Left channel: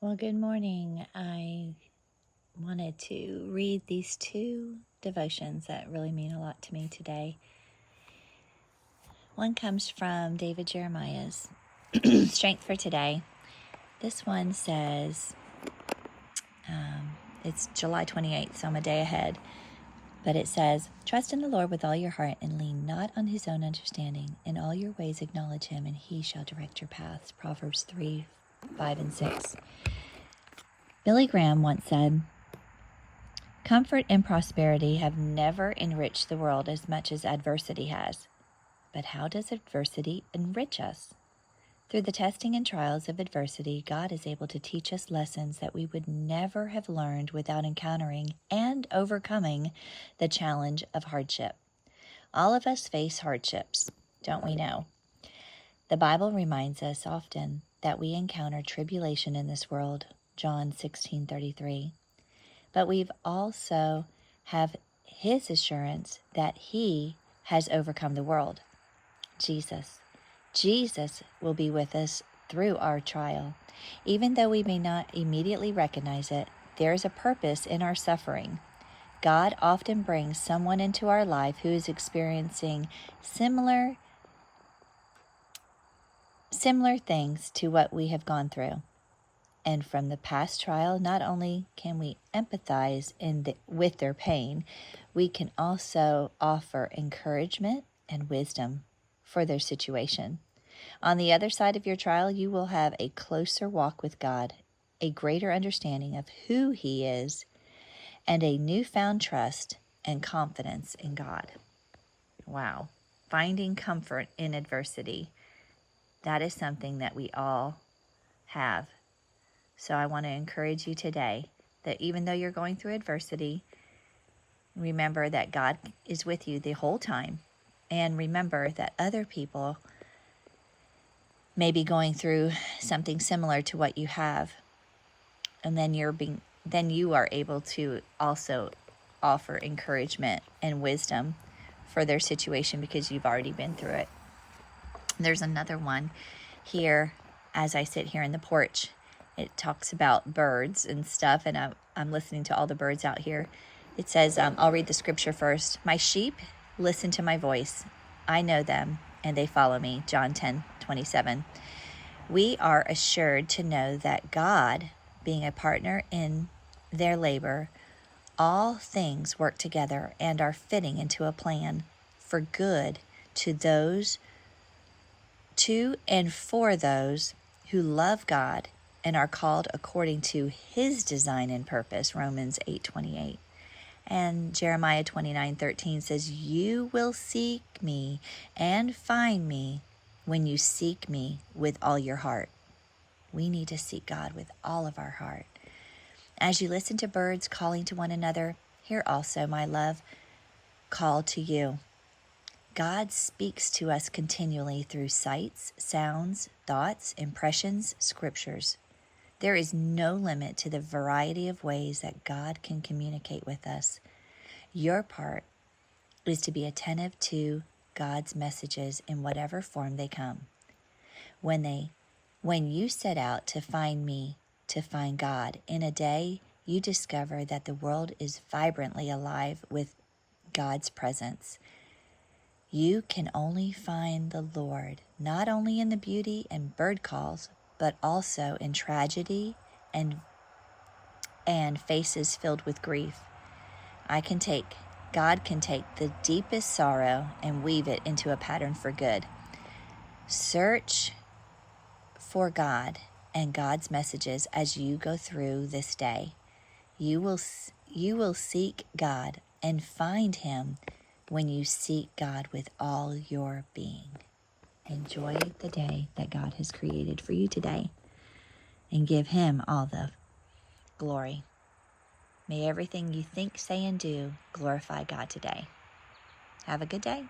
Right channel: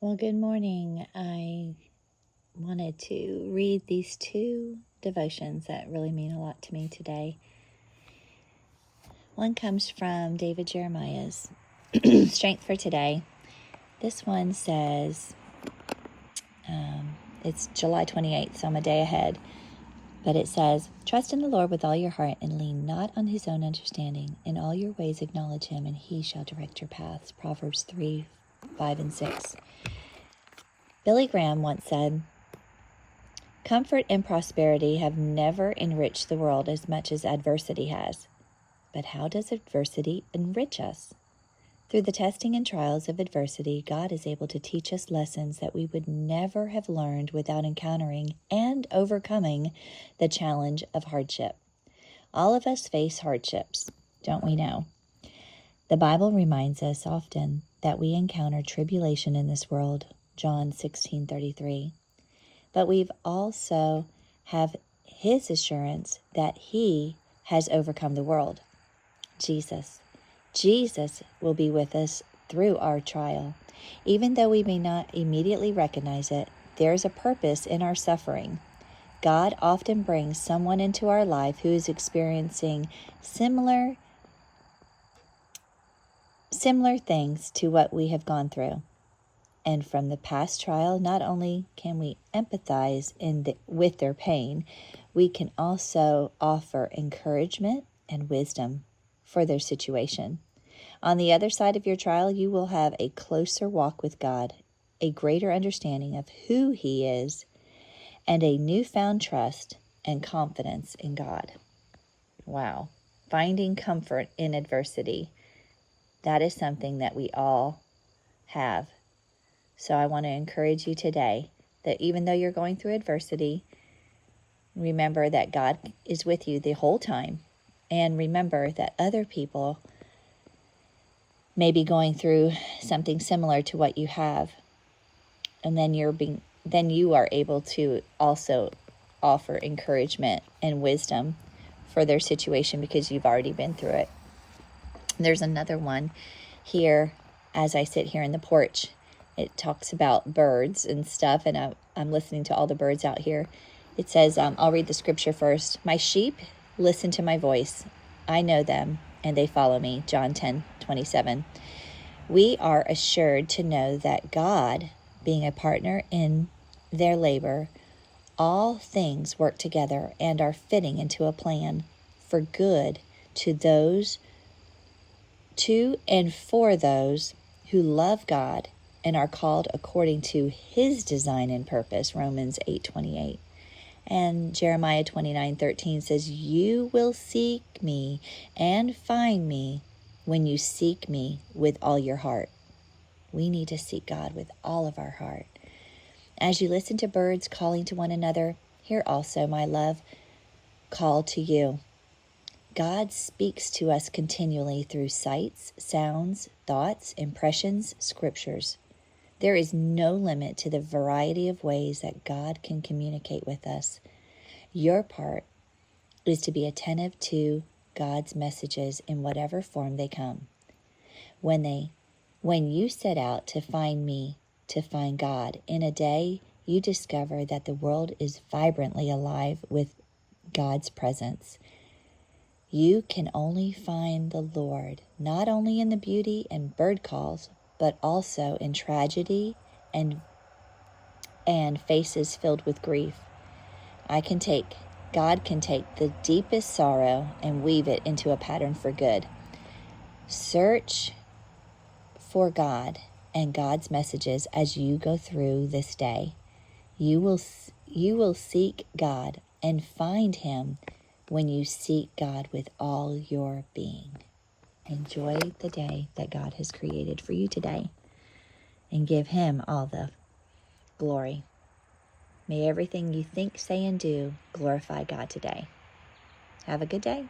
Well, good morning. I wanted to read these two devotions that really mean a lot to me today. One comes from David Jeremiah's Strength for Today. This one says, it's July 28th, so I'm a day ahead. But it says, "Trust in the Lord with all your heart and lean not on his own understanding. In all your ways acknowledge him, and he shall direct your paths." Proverbs 3, 5, and 6. Billy Graham once said, "Comfort and prosperity have never enriched the world as much as adversity has. But how does adversity enrich us? Through the testing and trials of adversity, God is able to teach us lessons that we would never have learned without encountering and overcoming the challenge of hardship. All of us face hardships, don't we know? The Bible reminds us often that we encounter tribulation in this world, John 16:33. But we've also have his assurance that he has overcome the world. Jesus will be with us through our trial. Even though we may not immediately recognize it, there is a purpose in our suffering. God often brings someone into our life who is experiencing similar things to what we have gone through. And from the past trial, not only can we empathize with their pain, we can also offer encouragement and wisdom for their situation. On the other side of your trial, you will have a closer walk with God, a greater understanding of who he is, and a newfound trust and confidence in God. Wow. Finding comfort in adversity. That is something that we all have. So I want to encourage you today that even though you're going through adversity, remember that God is with you the whole time. And remember that other people may be going through something similar to what you have. And then you are able to also offer encouragement and wisdom for their situation because you've already been through it. There's another one here as I sit here in the porch. It talks about birds and stuff, and I'm listening to all the birds out here. It says, I'll read the scripture first. "My sheep listen to my voice. I know them, and they follow me." John 10:27. We are assured to know that God, being a partner in their labor, all things work together and are fitting into a plan for good to and for those who love God and are called according to his design and purpose, Romans 8:28. And Jeremiah 29:13 says, "You will seek me and find me when you seek me with all your heart." We need to seek God with all of our heart. As you listen to birds calling to one another, hear also my love call to you. God speaks to us continually through sights, sounds, thoughts, impressions, scriptures. There is no limit to the variety of ways that God can communicate with us. Your part is to be attentive to God's messages in whatever form they come. When you set out to find me, to find God, in a day, you discover that the world is vibrantly alive with God's presence. You can only find the Lord, not only in the beauty and bird calls, but also in tragedy and faces filled with grief. God can take the deepest sorrow and weave it into a pattern for good. Search for God and God's messages as you go through this day. You will seek God and find him when you seek God with all your being. Enjoy the day that God has created for you today and give him all the glory. May everything you think, say, and do glorify God today. Have a good day.